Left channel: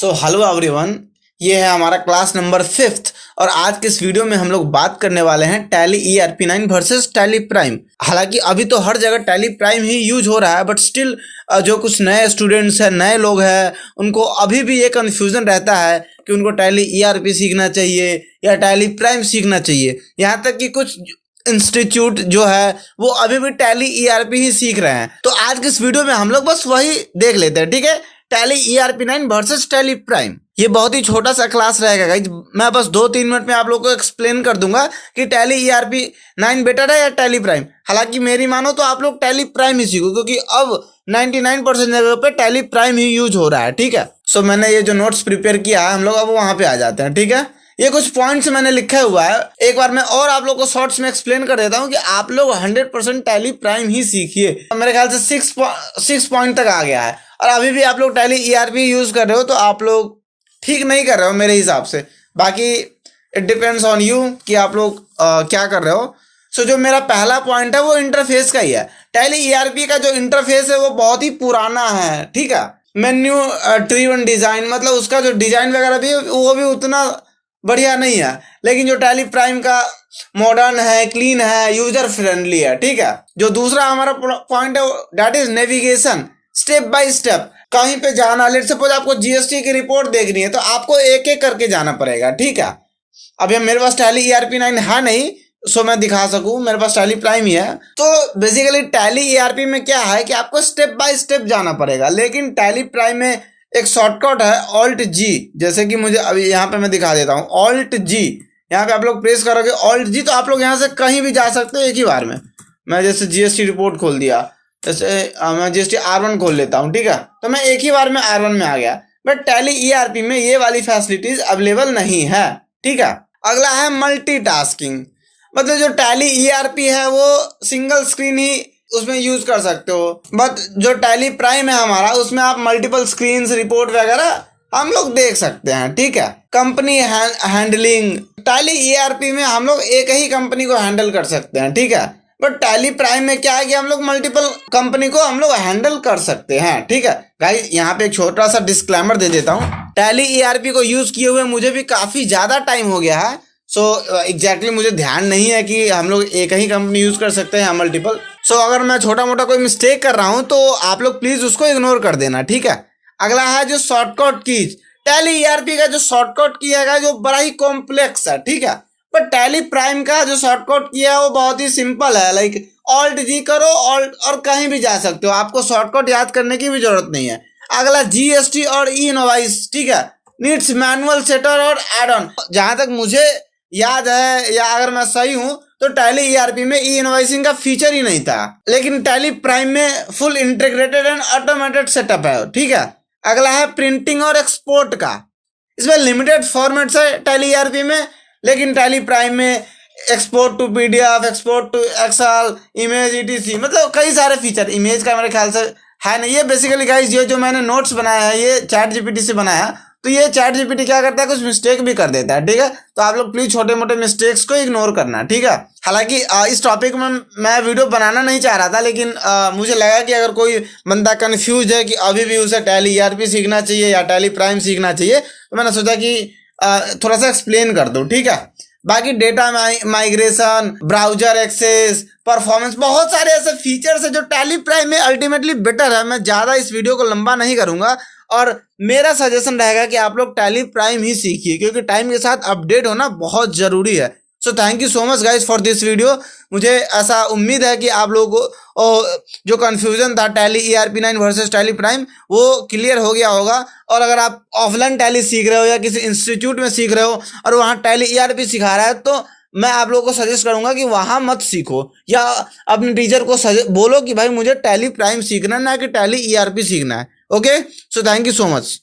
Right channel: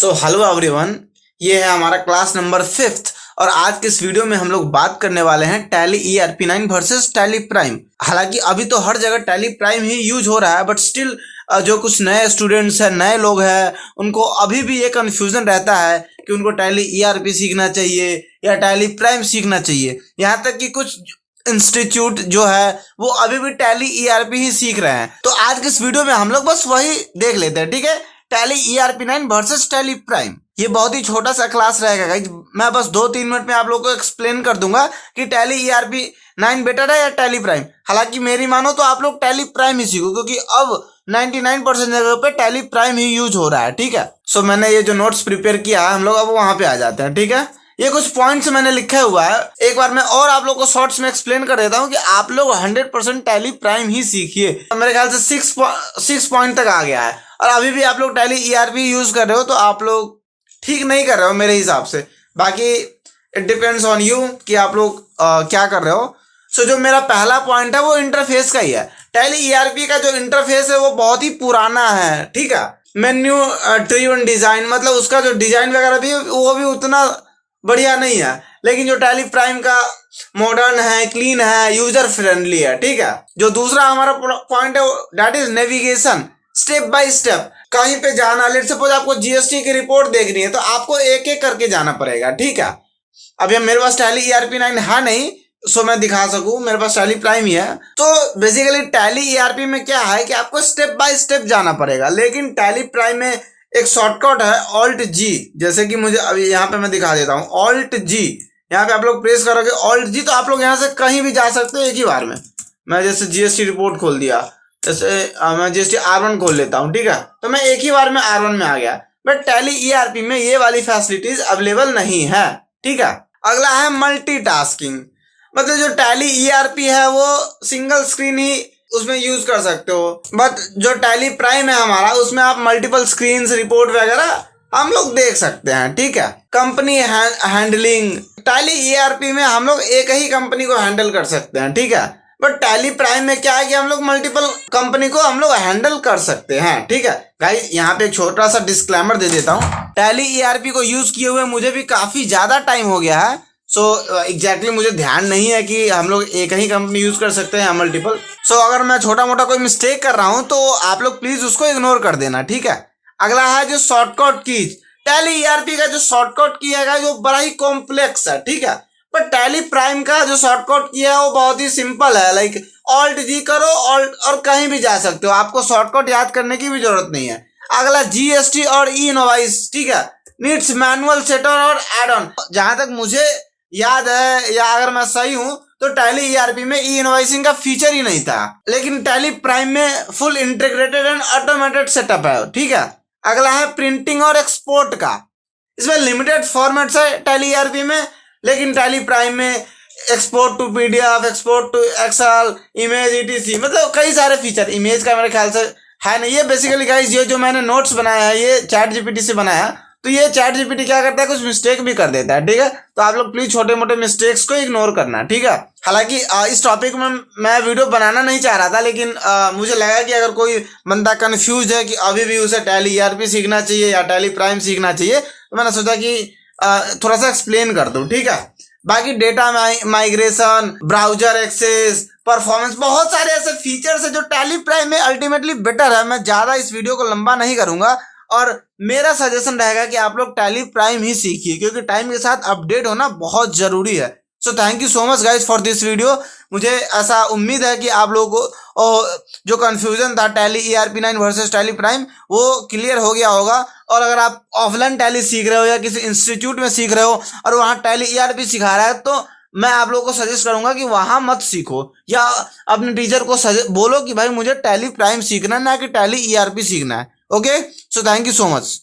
So hello everyone, ये है हमारा क्लास नंबर 5th और आज के इस वीडियो में हम लोग बात करने वाले हैं tally ERP9 versus tally prime. हालांकि अभी तो हर जगह टैली प्राइम ही यूज हो रहा है, बट स्टिल जो कुछ नए स्टूडेंट्स हैं, नए लोग हैं, उनको अभी भी ये कन्फ्यूजन रहता है कि उनको टैली ERP सीखना चाहिए या टैली प्राइम सीखना चाहिए। यहाँ तक कि कुछ इंस्टीट्यूट जो है वो अभी भी टैली ERP ही सीख रहे हैं। तो आज के इस वीडियो में हम लोग बस वही देख लेते हैं, ठीक है। Tally ERP9 versus tally prime, ये बहुत ही छोटा सा क्लास रहेगा गाइस। मैं बस 2-3 मिनट में आप लोगों को एक्सप्लेन कर दूंगा कि टैली ERP9 बेटर है या टैली प्राइम। हालांकि मेरी मानो तो आप लोग टैली प्राइम ही सीखो, क्योंकि अब 99% जगह पे टैली प्राइम ही यूज हो रहा है, ठीक है। सो मैंने ये जो नोट्स प्रिपेयर किया है, हम लोग अब वहां पे आ जाते हैं, ठीक है। ये कुछ पॉइंट्स मैंने लिखा हुआ है, एक बार मैं और आप लोग को शॉर्ट्स में एक्सप्लेन कर देता हूँ कि आप लोग 100% टैली प्राइम ही सीखिए। मेरे ख्याल से 6 पॉइंट तक आ गया है और अभी भी आप लोग टैली ERP यूज कर रहे हो, तो आप लोग ठीक नहीं कर रहे हो मेरे हिसाब से। बाकी इट डिपेंड्स ऑन यू कि आप लोग क्या कर रहे हो। सो जो मेरा पहला पॉइंट है वो इंटरफेस का ही है। टैली ERP का जो इंटरफेस है वो बहुत ही पुराना है, ठीक है। मेन्यू ड्रिवन डिजाइन, मतलब उसका जो डिजाइन वगैरह भी वो भी उतना बढ़िया नहीं है। लेकिन जो टैली प्राइम का मॉडर्न है, क्लीन है, यूजर फ्रेंडली है, ठीक है। जो दूसरा हमारा पॉइंट है that is navigation, step by step. कहीं पे जाना, लेट सपोज आपको GST की रिपोर्ट देखनी है तो आपको एक एक करके जाना पड़ेगा, ठीक है। अभी मेरे पास टैली ERP9 है नहीं, सो मैं दिखा सकूं, मेरे पास टैली प्राइम ही है। तो बेसिकली टैली ERP में क्या है कि आपको स्टेप बाय स्टेप जाना पड़ेगा, लेकिन टैली प्राइम में एक शॉर्टकट है Alt-G। जैसे कि मुझे अभी यहाँ पे मैं दिखा देता हूँ, Alt-G। यहाँ पे आप लोग प्रेस करोगे Alt-G तो आप लोग यहाँ से कहीं भी जा सकते हो एक ही बार में। मैं जैसे GST रिपोर्ट खोल दिया, जैसे मैं GST R1 खोल लेता हूँ, ठीक है, तो मैं एक ही बार में R1 में आ गया। बट टैली ERP में ये वाली फैसिलिटीज अवेलेबल नहीं है, ठीक है। अगला है मल्टीटास्किंग, मतलब जो टैली ERP है वो सिंगल स्क्रीन ही उसमें यूज कर सकते हो, बट जो टैली प्राइम है हमारा, उसमें आप मल्टीपल स्क्रीन रिपोर्ट वगैरह हम लोग देख सकते हैं, ठीक है। कंपनी हैंडलिंग, टैली ERP में हम लोग एक ही कंपनी को हैंडल कर सकते हैं, ठीक है। बट टैली प्राइम में क्या है कि हम लोग मल्टीपल कंपनी को हम लोग हैंडल कर सकते हैं, ठीक है। गाइस यहाँ पे छोटा सा डिस्क्लेमर दे देता हूँ, टैली ERP को यूज किए हुए मुझे भी काफी ज्यादा टाइम हो गया है। सो एग्जैक्टली मुझे ध्यान नहीं है कि हम लोग एक ही कंपनी यूज कर सकते हैं मल्टीपल। सो अगर मैं छोटा मोटा कोई मिस्टेक कर रहा हूं तो आप लोग प्लीज उसको इग्नोर कर देना, ठीक है। अगला है जो शॉर्टकट कीज। टैली ERP का जो शॉर्टकट की है जो बड़ा ही कॉम्प्लेक्स है, ठीक है। पर टैली प्राइम का जो शॉर्टकट की है वो बहुत ही सिंपल है, लाइक Alt-G करो और कहीं भी जा सकते हो, आपको शॉर्टकट याद करने की भी जरूरत नहीं है। अगला GST और E-इनवॉइस, ठीक है, नीड्स मैनुअल सेटर और एड ऑन। जहां तक मुझे याद है या अगर मैं सही हूं तो टैली ERP में E-इनवॉइसिंग का फीचर ही नहीं था, लेकिन टैली प्राइम में full integrated and automated setup है, ठीक है। अगला है प्रिंटिंग और एक्सपोर्ट का, इसमें लिमिटेड फॉर्मेट्स है टैली ERP में, लेकिन टैली प्राइम में export to PDF, export to excel, image ETC, मतलब कई सारे फीचर। इमेज का मेरे ख्याल से है नहीं। ये बेसिकली गाइस ये जो मैंने नोट्स बनाया है ये ChatGPT से बनाया है, तो ये ChatGPT क्या करता है, कुछ मिस्टेक भी कर देता है, ठीक है। तो आप लोग प्लीज छोटे मोटे मिस्टेक्स को इग्नोर करना, ठीक है। हालांकि इस टॉपिक में मैं वीडियो बनाना नहीं चाह रहा था, लेकिन मुझे लगा कि अगर कोई बंदा कंफ्यूज है कि अभी भी उसे टैली ERP सीखना चाहिए या टैली प्राइम सीखना चाहिए, तो मैंने सोचा कि थोड़ा सा एक्सप्लेन कर दूं, ठीक है। बाकी data migration, browser access, performance, बहुत सारे ऐसे फीचर्स है जो टैली प्राइम में अल्टीमेटली बेटर है। मैं ज्यादा इस वीडियो को लंबा नहीं करूंगा और मेरा सजेशन रहेगा कि आप लोग टैली प्राइम ही सीखिए, क्योंकि टाइम के साथ अपडेट होना बहुत जरूरी है। So thank you so much guys for this video. मुझे ऐसा उम्मीद है कि आप लोगों को जो कंफ्यूजन था tally ERP9 versus tally prime वो क्लियर हो गया होगा। और अगर आप ऑफलाइन टैली सीख रहे हो या किसी इंस्टीट्यूट में सीख रहे हो और वहाँ टैली ERP सिखा रहा है, तो मैं आप लोगों को सजेस्ट करूंगा कि वहां मत सीखो, या अपने टीचर को बोलो कि भाई मुझे टैली प्राइम सीखना है, ना कि टैली ERP सीखना है। Okay, so thank you so much.